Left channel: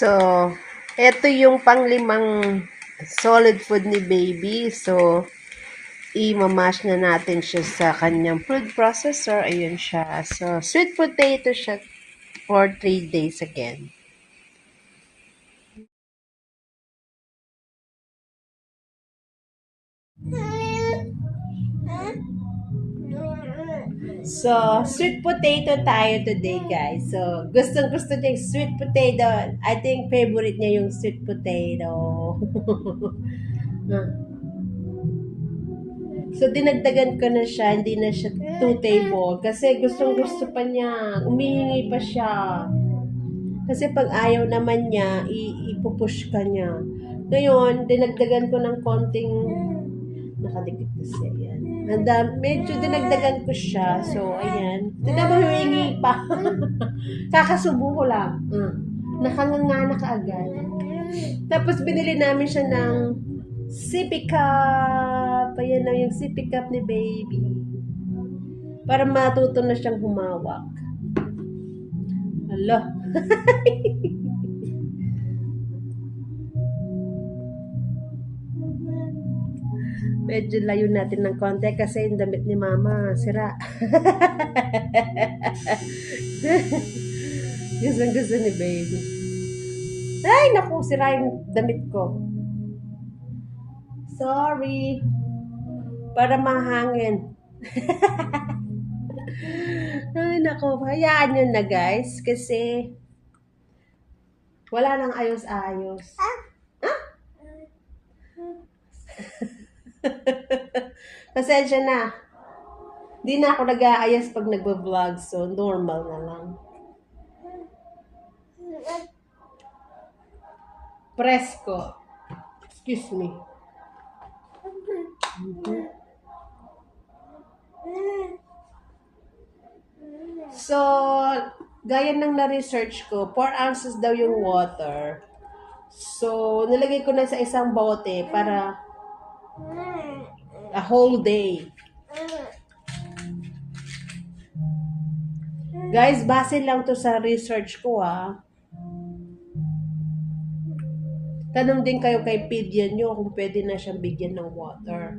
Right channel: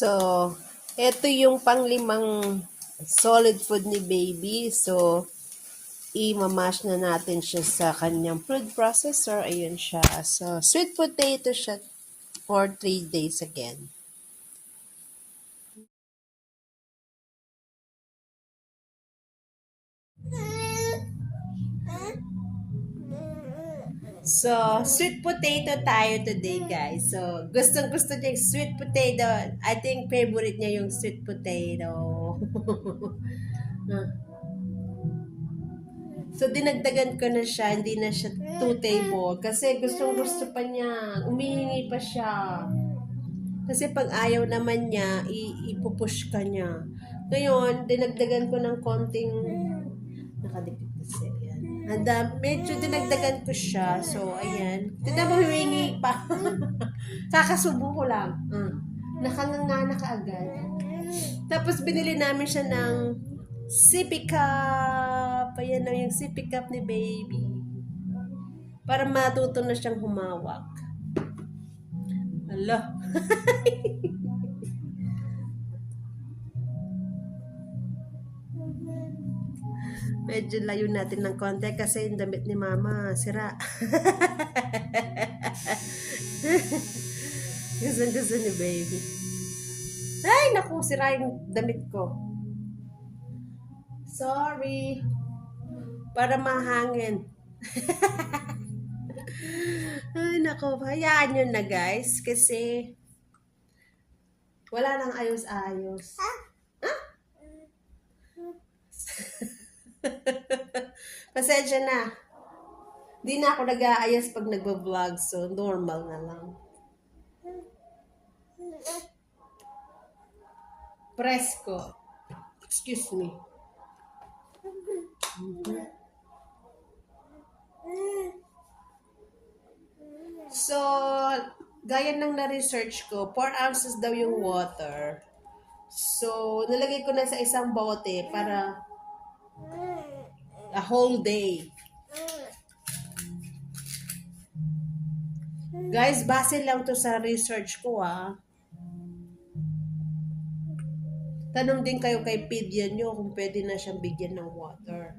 So, eto yung panglimang solid food ni baby. So, i-mash na natin siya sa kanyang food processor. Ayun siya. So, sweet potato siya for 3 days again. So, sweet potato tayo today, guys. So, gustong-gusto niya yung sweet potato. I think favorite niya yung sweet potato. So, dinagdagan ko na siya. Hindi na siya 2 table. Kasi gustong-gusto pa niya. Umihingi pa siya. Kasi pag ayaw naman niya, ipupush ka niya. Ngayon, dinagdagan ko ng konting nakadikit kasi yan. Medyo dinagdagan ko siya. So, ayan. Tignan mo, humingi pa. Kakasubo ko lang. Nakanganga na kaagad. Tapos, binili namin siya ng sippy cup. Ayan na yung sippy cup ni baby. Para matuto na siyang humawak. Hala. Medyo layo natin ng konti kasi yung damit ni mama sira. Gusto ni baby. Ay, naku, sira yung damit ko. Sorry. Para mahangin. Ay, naku, hayaan nyo na guys kasi wala nang ayos-ayos. Pasensya na. Di na ako nag-aayas pag nagbo-vlog, so normal na lang. Presko. Excuse me. So, gaya ng na-research ko, 4 ounces daw yung water. So, nilagay ko na sa isang bote para a whole day. Guys, base lang to sa research ko Tanong din kayo kay Pidya nyo kung pwede na siyang bigyan ng water.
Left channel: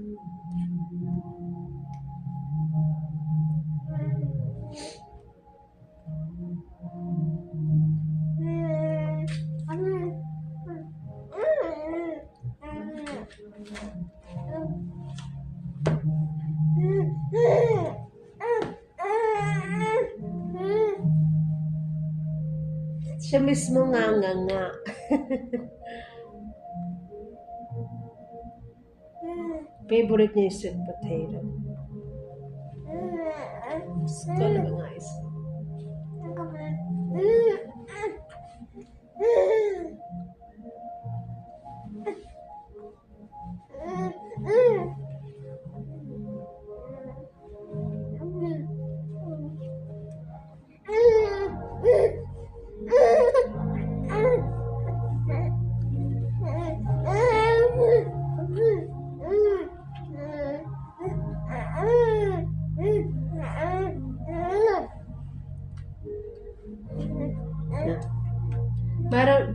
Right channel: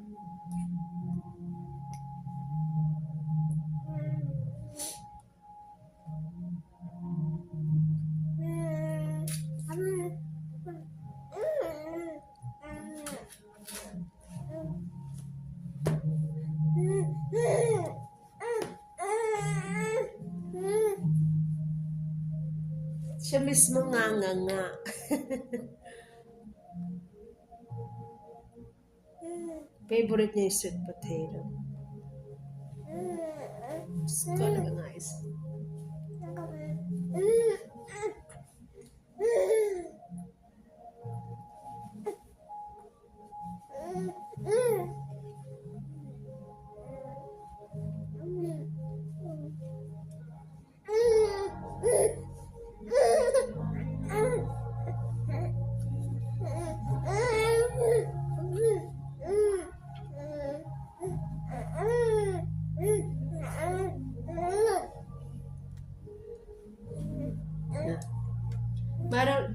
Siya mismo nga. Favorite niya yung sweet potato. Gusto na ba guys?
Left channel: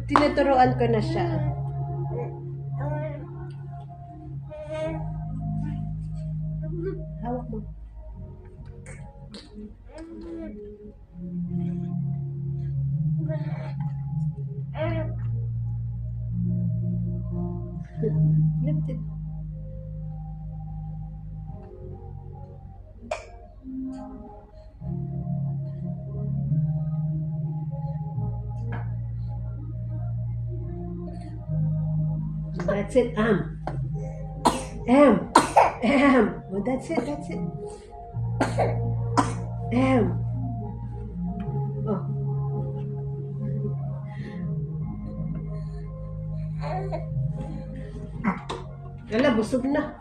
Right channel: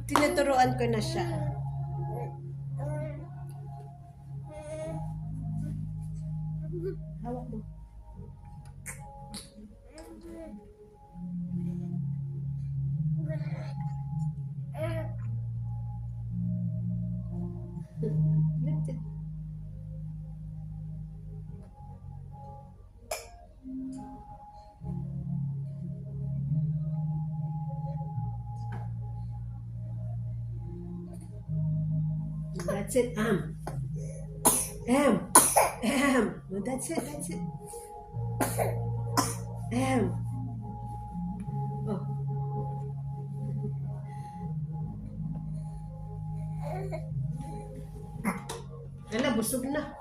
Tinuturuan ko na siya. Hawak mo. Lift it. That's it. Oh, that's it. Oh. Ala, busog na.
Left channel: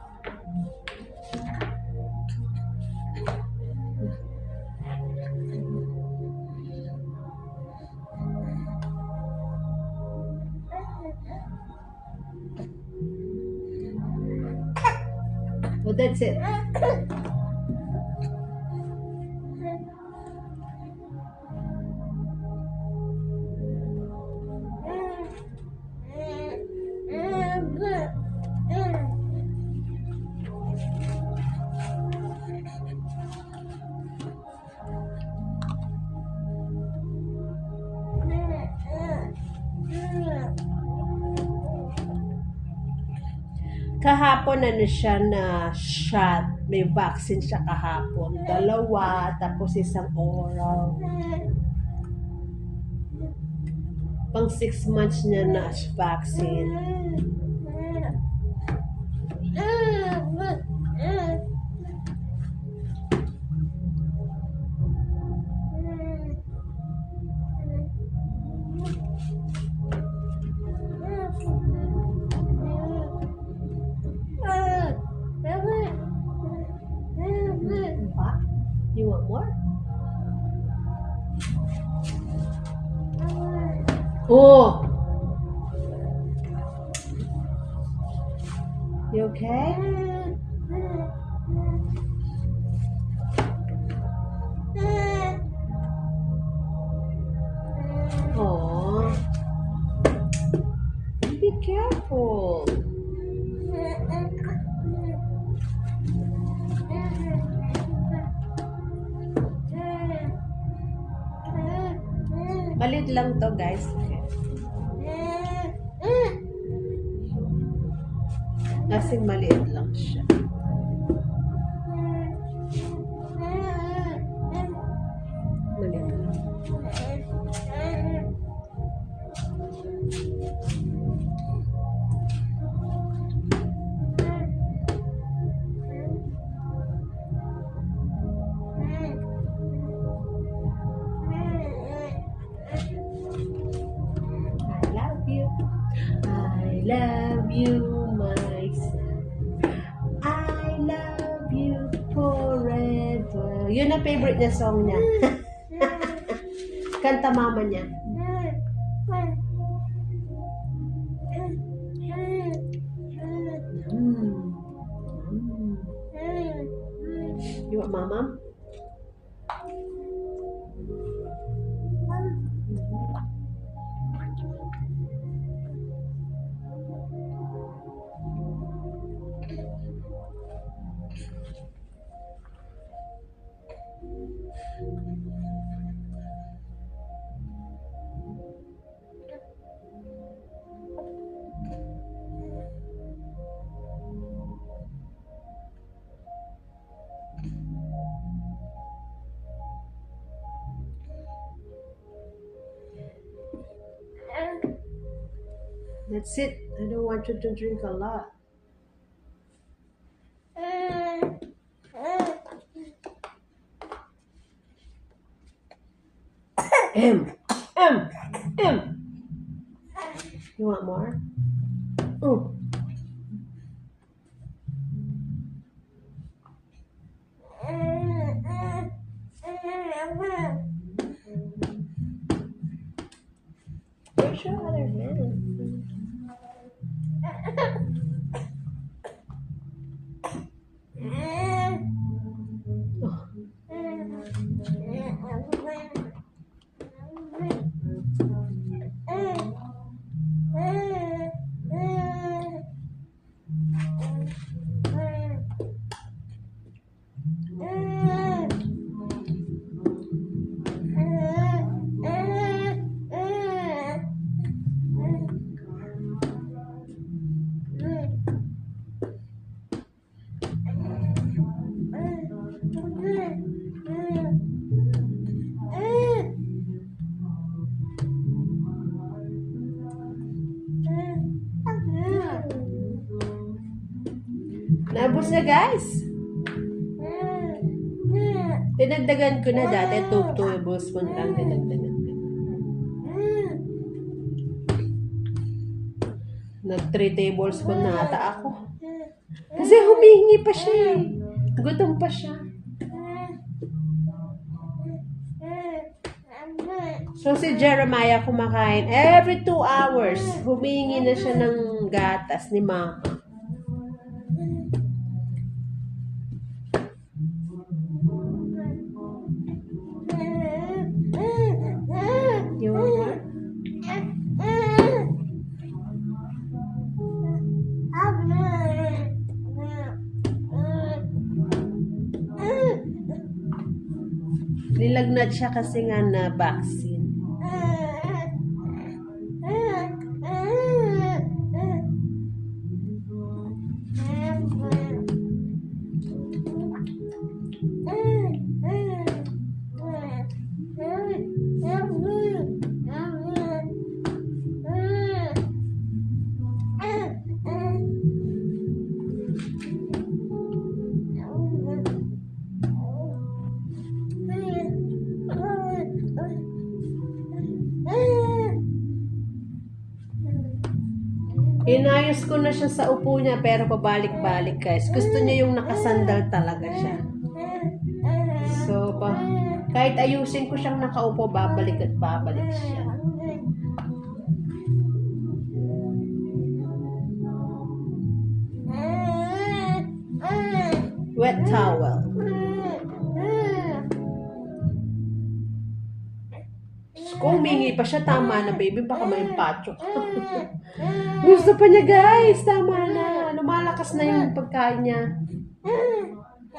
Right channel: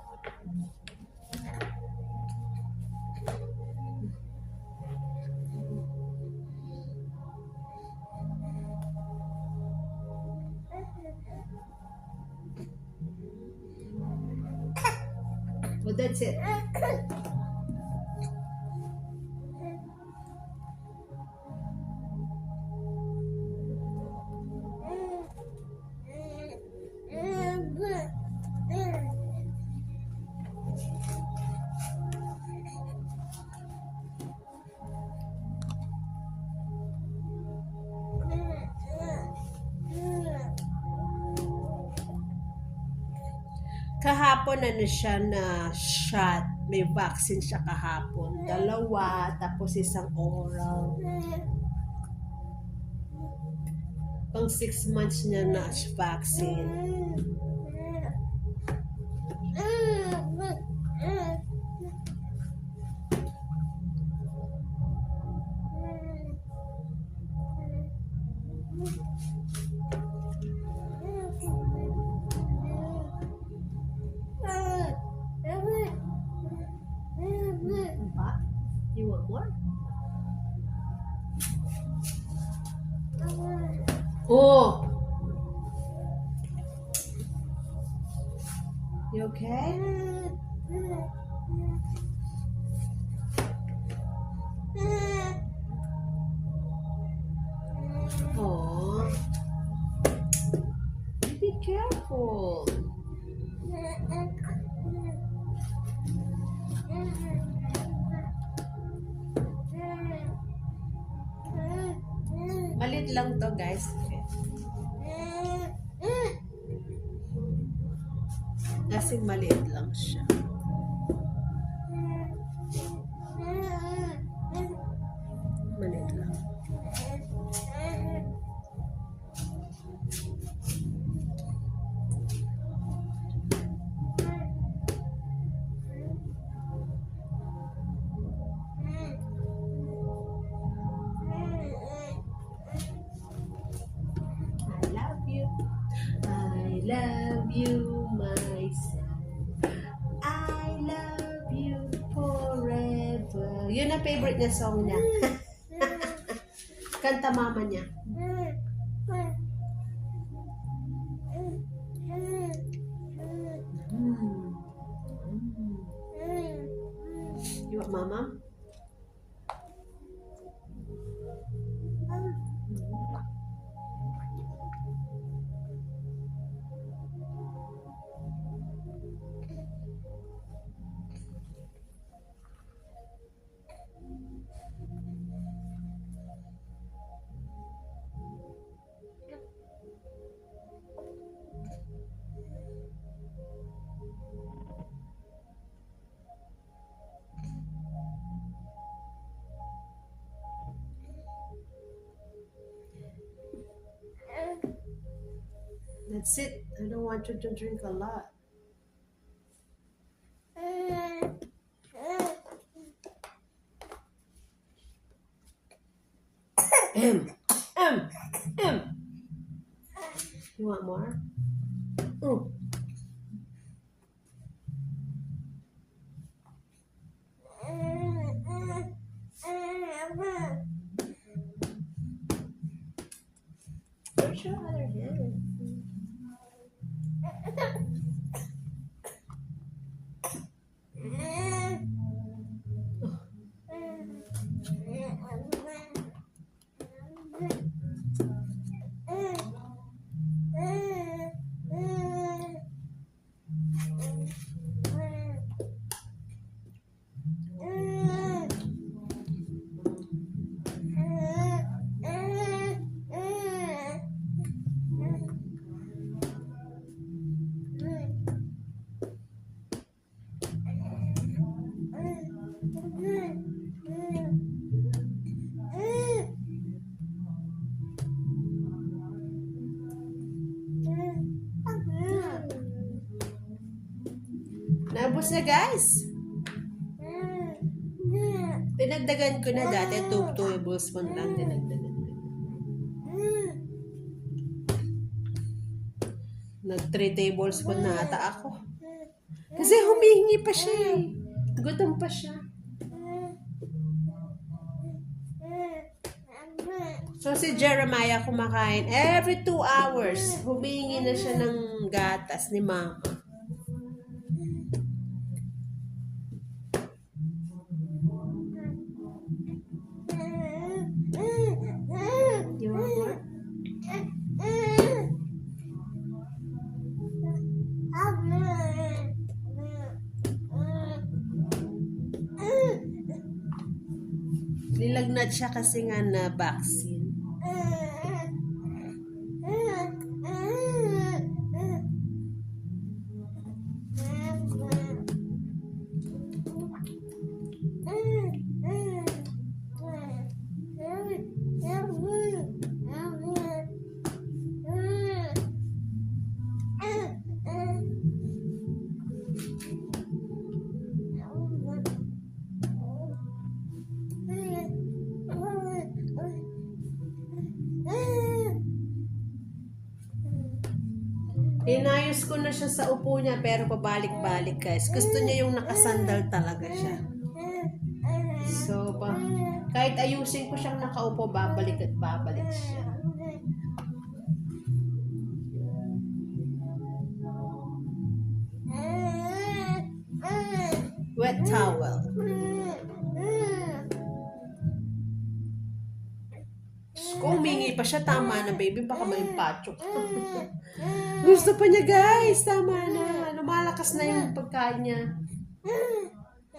Well, that's it. kahapon ano siya na shot. May vaccine siya kahapon. 2, tapos isang oral. Pang 6 months niya na vaccine. Pa? You want more? Oh! You okay? Oh. Be careful. Malit lang to, guys. Okay. Kasing maliit lang siya. Maliit lang. I love you, my son. I love you forever. Yun ang favorite niya song niya. Kanta mama niya. You want mama? That's it. I don't want you to drink a lot. M. You want more? Oh. Where's your other hand? Naubos na, guys. Dinagdagan ko na dati. 2 tablespoon lang dinagdagan ko. Nag 3 tablespoon na ata ako. Kasi humihingi pa siya eh. Gutom pa siya. So si Jeremiah kumakain every 2 hours. Humihingi na siya ng gatas ni mama. Nilagnat siya kasi nga na vaccine. Inayos ko na siya sa upo niya pero pabalik-balik guys. Gusto niya yung nakasandal talaga siya. So, kahit ayusin ko siyang nakaupo, babalik at babalik siya. Wet towel. Kung humingi pa siya, tama na baby, baka may pacho. Gusto pa niya guys, tama na. Lumalakas na yung pagkain niya.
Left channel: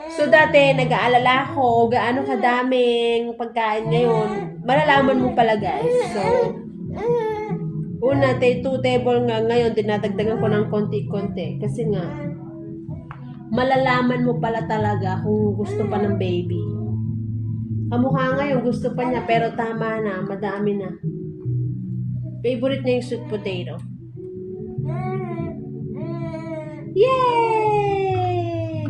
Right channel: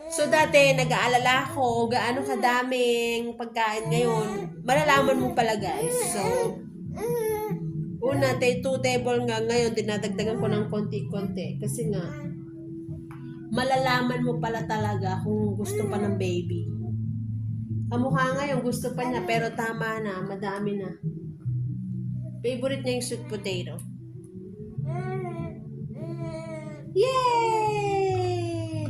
So dati, nag-aalala ko, gaano kadaming pagkain ngayon. Malalaman mo pala guys. So, una, 2 table nga ngayon, dinadagdagan ko ng konti-konti. Kasi nga, malalaman mo pala talaga kung gusto pa ng baby. Kamukha ngayon, gusto pa niya, pero tama na, madami na. Favorite niya yung sweet potato. Yay!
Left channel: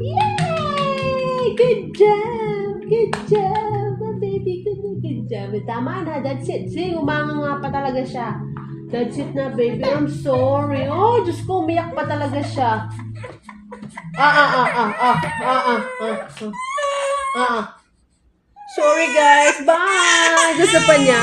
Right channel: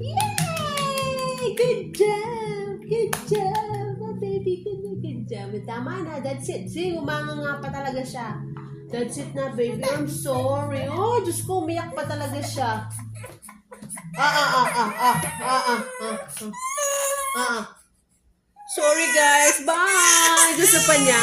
Yay! Good job! Good job! My baby, good job. Tama na, that's it. See, umanga nga pa talaga siya. That's it na, baby. I'm sorry. Oh, Diyos ko, umiyak pa talaga siya. Sorry guys, bye! Gusto pa niya.